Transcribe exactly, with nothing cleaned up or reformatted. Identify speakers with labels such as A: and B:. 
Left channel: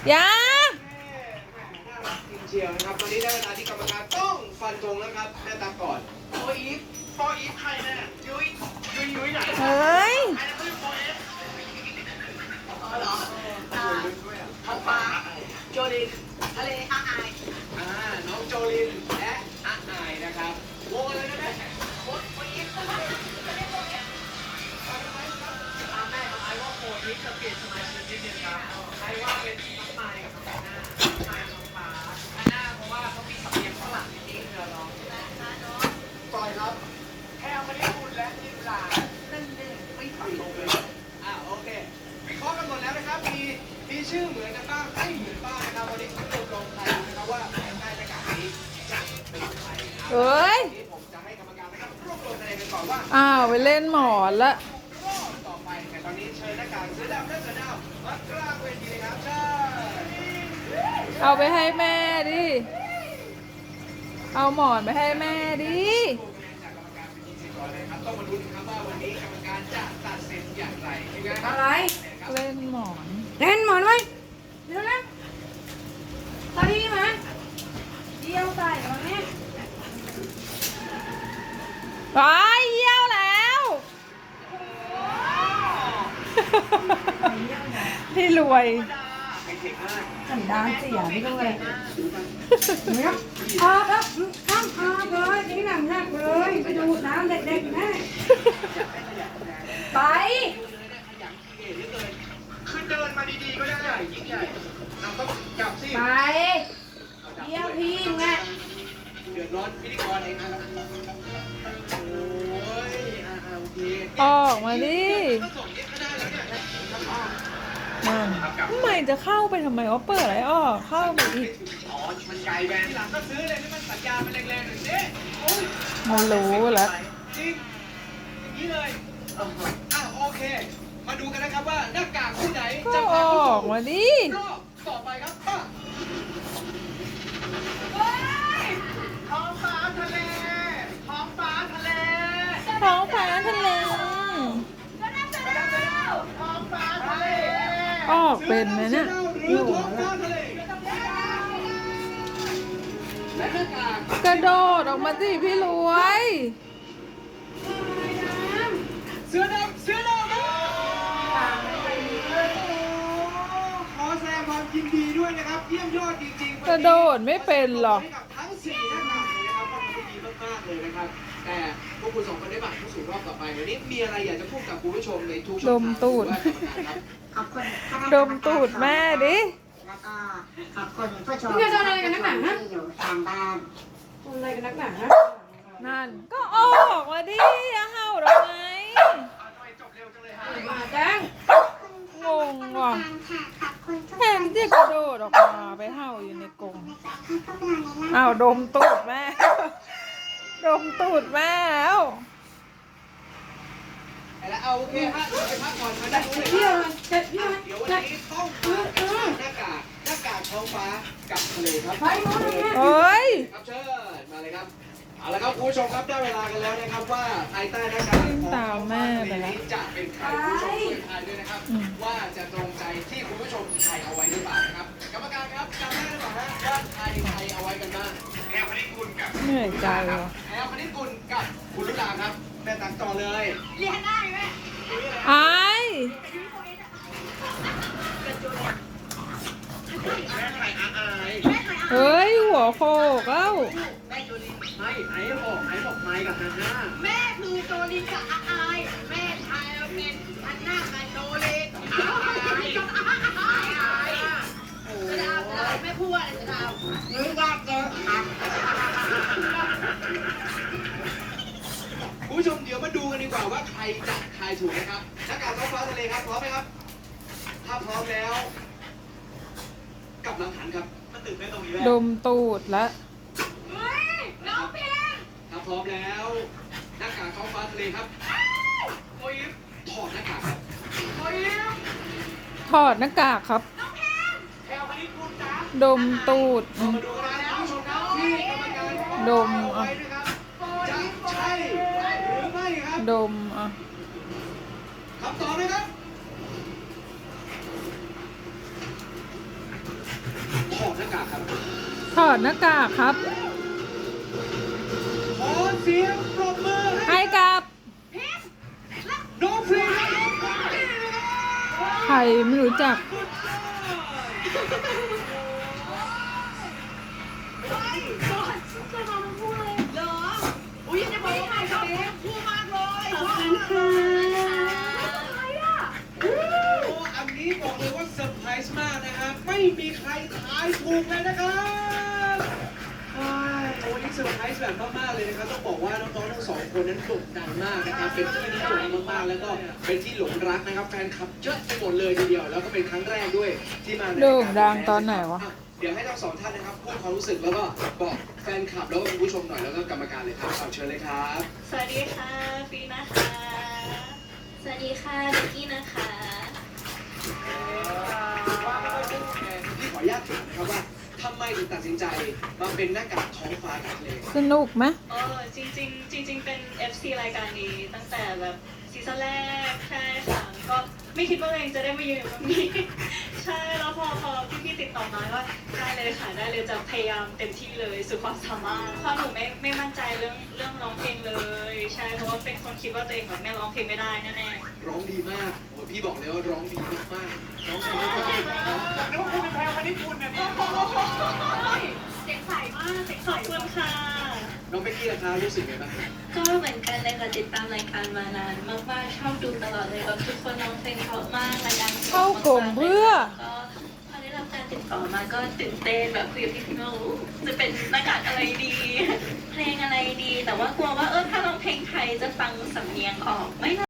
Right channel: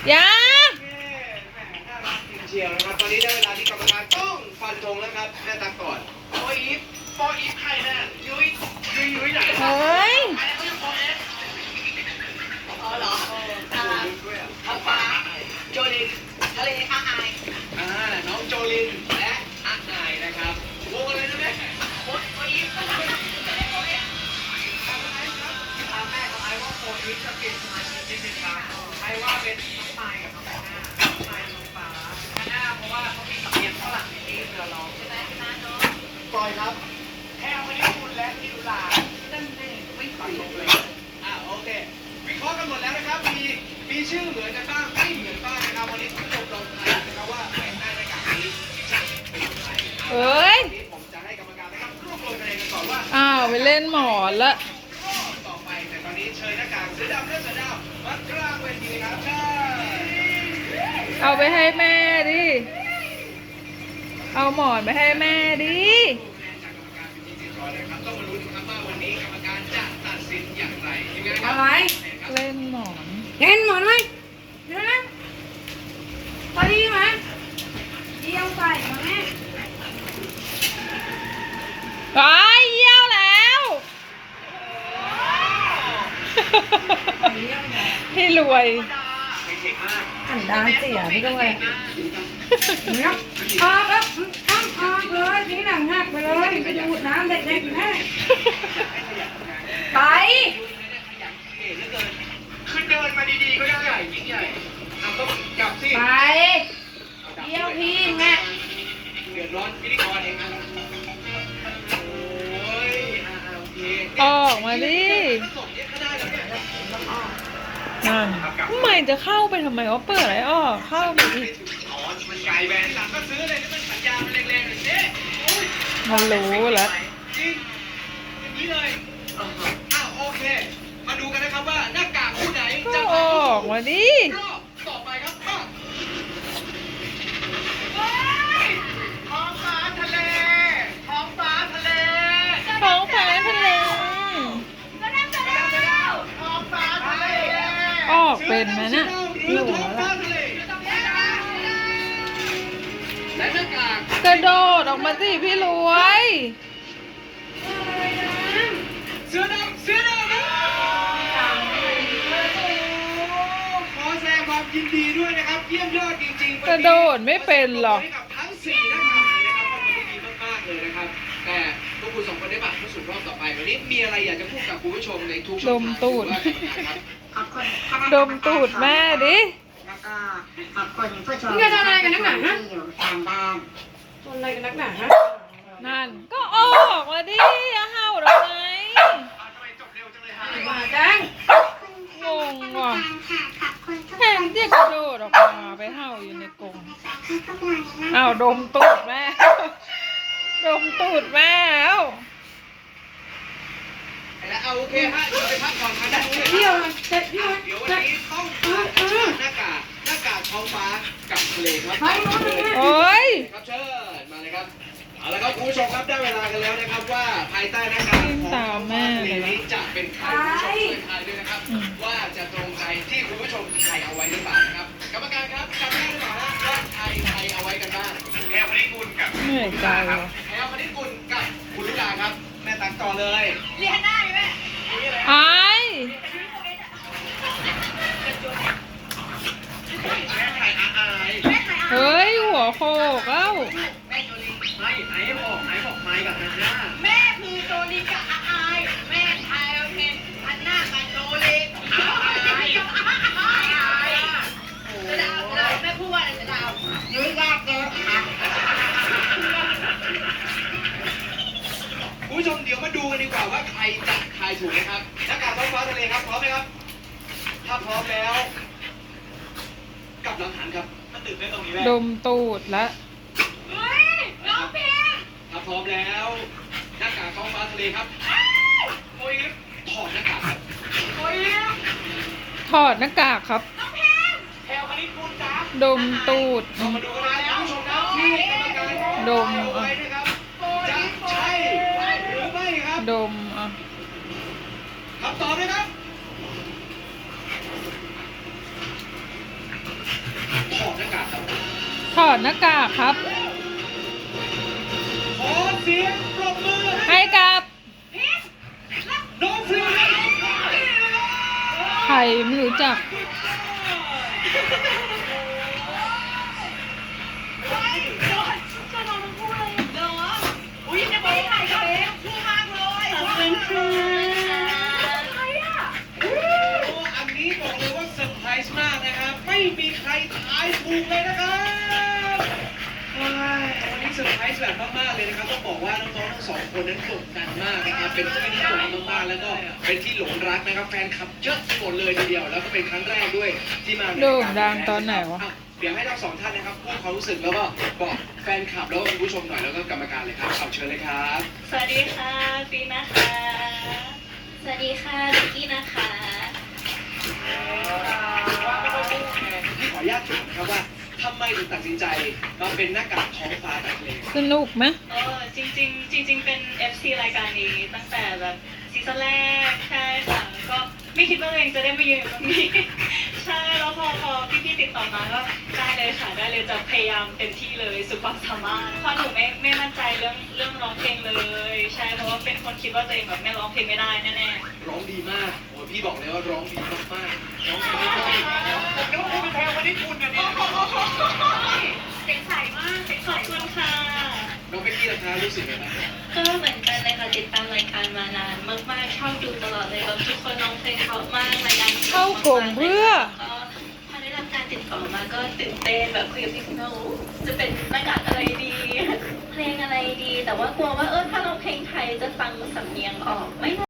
A: ยา
B: น่ารักจริงเชียวนะครับตอนนี้ได้เวลาที่กรรมการต้องฟันธงแล้วครับแม่ตามก่อนโปอีฟโปอีฟใครเนี่ยยุ้ยยุ้ยยุ้ยไหน
A: เฮ้ย
B: อ๋อเหรอท้องฟ้าโจลินทะเลอาไออ่าน้องโจลินและอาไอนะครับวงอะไรนะแม่โปโปอีฟทำแม่ทำไมว่าโปอีฟจะเปลี่ยนสมาชิกนิดนึงครับใครว่าเป็นไมค์กับหน้าไมค์น้องฟ้าหน้าเพราะว่าเขามีสำเนียงฝรั่งนิดเดียวร้องปล่อยครับแค่ไม่ได้พูดและที่ลาตั้งแต่ไม่ฟังลงเลยอ่าโอเควิเคราะห์กันหมดแล้วนะครับมีมีชื่อเหมือนกันบ้างไม่เหมือนบ้างนะครับวันนี้คุณผู้ชมลงทายนะครับว่าใครได้รายการนี้จะเป็นใคร
A: เฮ้ย
B: ผมจะให้กรรมการนะครับรวบรวมคะแนนกันก่อนว่า
A: อ้าวไปเล่นหมอนละ
B: ต่อไปแต่ตอนนี้เชิญหน้ากากเสือดำและเสือดำมากลางเวทีครับเชิญ
A: เอาไปให้แม่ดิเอาหมอนไปให้แม่ดิ
B: ต้องมาลุ้นครับว่าวันนี้กรรมการจะตัดสินอย่างไรยังไงครับ
C: อะไร
A: เล่นหมอน
C: เห็นหมดเลยเดี๋ยวนะพอดีไหมเยี่ยวใส่มาแม่
A: ไปเยี่ยวแล้วพี่รวย
C: ขันดาเสียนี่ด้วยเนี่ยออกแล้วข้ามออกเลยทิ้งหนังหักไปเลยไปดูดน้ำเด็กๆแม่ไป
B: คือเดินมาดีๆก็ได้ใหญ่ยิ่งใหญ่เอาก็จับสิ
C: ไปเยี่ยวพี่ไง
B: เดือดร้อนพิธีกรเองนะโอ้ยโอเค
A: ออกมาดินั่นทำไมจะเข้าไปทำไมว่าเปิดอะไรอ้อเข้าไปอีก
B: อ๋อมันไกลแบนหลังก็ซื้อเลยที่มันสัญญามันแรงๆหน่อยสิ
A: มันรู้แล้ว
B: จริงอย่างนี้เลยอ้าวโอเคมาดูกันนะครับว่าหน้ากากคู่ไหน
A: จะออกมาดิ
B: รอบต่อไปครับท้องฟ้าทะเลท้องฟ้าทะเล
A: ท้องฟ้าทะเล
B: ท้องฟ้าทะเล
A: ออกเป็นไหมเนี่ย
B: และหน้ากาก
A: กระโดดออกมาสิพี่รวย
B: เสือดำเสือดำขอแสดงความยินดีด้วยนะครับเยี่ยมยอดจริงๆ
A: กระโดดไม่เป็นหรอก
B: ทั้งสี่หน้ากากนะครับก็ทำได้ดีมากๆเลยนะครับแต่พวกคุณสองคนได้บัตรเข้าสู่รอบต่อไปวันนี้มีอะไรอยากจะพูดกับคุณผู้ชมในทุกช่องทาง
A: ดมตูดดมตูดแม่ดิ
D: แล้วก็ขอบคุณผู้ชม
C: นี่จะทำอะไรกันนักหนาฮะ
D: ที่อยู่ทางบ้าน
C: ทำอะไรกันนักหนาฮะ
A: นั่นก็ออกมาดิเห่าเราไง
C: มาจัง
A: งงว่ะแทนที่กระโดดออกมาไปเห่าอยู่ในกรงอ้าวดมตูดแม่ดมตูดแม่แล้ว
B: แล้วเอาโอเคฮะเดี๋ยวไปพักก่อนกันนะ
C: เที่ยวเลยเที่ยว
B: เดี๋ยววันนี้ต้องหน้ากากหน้ากากท้องฟ้ากับทะเลครับ
A: โอ้ย
B: ครับเชิญมาเลยครับเอาละครับคุณผู้ชมครับได้เวลากันแล้วนะครับว่าภายใต้หน้ากากของท้องฟ้าทะเลนี้จะเป็นใครคุณผู้ชมช่วยทายด้วยนะครับว่าจะตรงใจที่คุณผู้ชมทายเอาไว้หรือเปล่านะครับกรรมการครับจำได้หรือเปล่าว่าใครใครเอาไว้กันบ้างแพรวพนิกุลกับ
A: เหนื่อยใจว่ะ
B: แพรวพนิกุลกับคุณลุดาครับแม่ตัดก่อนเลย
C: เรียนได้ไหม
A: ไอ้เฮ้ยหัวโขกเอ้า
B: ไม่ไอ้บอกไอ้บอกไม้กับฮันน่า
C: แม่คือโจลินกับอาไอแม่ชายเป็นฮันน่ากับโจลินจะดาวแม่พูดว่าอะไรจะดาว
D: ยุ้ยยากเยอะครับ
B: คุณผู้ชมเดี๋ยวมาดูกันดีกว่าว่าใครจะทายถูกนะครับหน้ากากท้องฟ้าทะเลครับพร้อมไหมครับถ้าพร้อมแล้วกับหลังหันครับมันตื่นเต้นตรงนี้แม่
A: ดมตูดละ
C: เฮ้ยน้องเพียง
B: ถ้าพร้อมแล้วหน้ากากท้องฟ้าทะเลครับโอ้ยถอดหน้ากากครับโอ้ย
A: ถอดหน้ากากครับ
B: แถวคณิตคุณจ้า
A: ดมตูด
B: มาดูนะคุณผู้ชมครับที่กรรมการ
A: ดมอ่ะ
B: จะใช่หรือไม่ครับ
A: ดมอ่ะ
B: คำตอบเลยครับากากครับ
A: ถอดหน้ากากครับ
B: ขอเสียงปรบมือให้
A: ให้กับ
B: น้องฟรี
A: ใครไม่รู้จัก
B: อุ้ยจะบอกว่าใครครับพูดมากเลยขอบคุณค่ะอันนี้บอกเลยว่าเซอร์ไพรส์มากนะครับ ไม่มีใครทายถูกเลยนะครับว้ายวันนี้เซอร์ไพรส์แบบมากๆเลยนะครับต้องบอกว่าน้องๆทั้งสองคนนั้นโด่งดังมากนะครับ เป็นที่นิยมมากๆแล้วก็เป็นที่หลงรักนะครับ แฟนคลับเยอะไปหมดเลยทีเดียว แล้วก็เป็นครั้งแรกด้วยที่มาใน
A: โด่งดังตอนไหนวะ
B: อ่เดี๋ยวให้ทั้งสองท่านนะครับพูดความรู้สึกแล้วก็บอกแฟนคลับแล้วก็คุณผู้ชมหน่อยแล้วก็กรรมการเลยครับเอาเชิญเลยครับ
E: สวัสดีค่ะฟีนะคะ สวัสดีค่ะบิกกี้นะคะ
B: พี่ขออนุญาตถามครับว่าทำไมถึงตัดสินใจมาเป็นหน้ากากท้องฟ้าแบบนี้
A: สนุกไหม
E: เออจริงจริงๆจริง ๆ เป็น เอฟ ซี รายการนี้ตั้งแต่แบบซีซั่นแรกใช่ค่ะก็ไม่คิดว่าตัวเองจะได้มายืนอยู่ตรงนี้ ใช่แล้วพอพอพี่ๆติดต่อมาก็ได้เลยค่ะได้เลยจะพยายามเต็มที่เลยสุดความสามารถเพราะหนูไม่ไม่มั่นใจเรื่องเรื่องร้องเพลงเลย ใช่เพราะว่าเป็นคนคิดว่าตัวเองแบบไม่ร้องเพลงไม่ได้แน่ๆ
B: ร้องดีมากโอ้พี่บอกเลยว่าร้องดีมากมากๆร้องดีมากๆผมนึกว่าคุณเป็นแพงวันนี้คุณกันเนี่ย
E: เสียงใสมากเสียงขอบคุณค่ะ
B: น้องเบกกี้ราคารู้สึกไงบ้าง
E: ก็เหมือนกันเลยค่ะติดตามรายการมานานมากๆชอบดูตลอดเลยแบบทุกคนน้องเพลงเขามากรายการ
A: เข้ากล่องเพื่อ
E: ก็พอได้รับการติดต่อมาก็ตื่นเต้นแบบคุยกับพี่โน้จะเป็นรายการอะไรดี เพลงอะไรดี แต่ว่ากลัวว่าเออถ้าเราเพลงไทยจะฟังสำเนียงออกไหม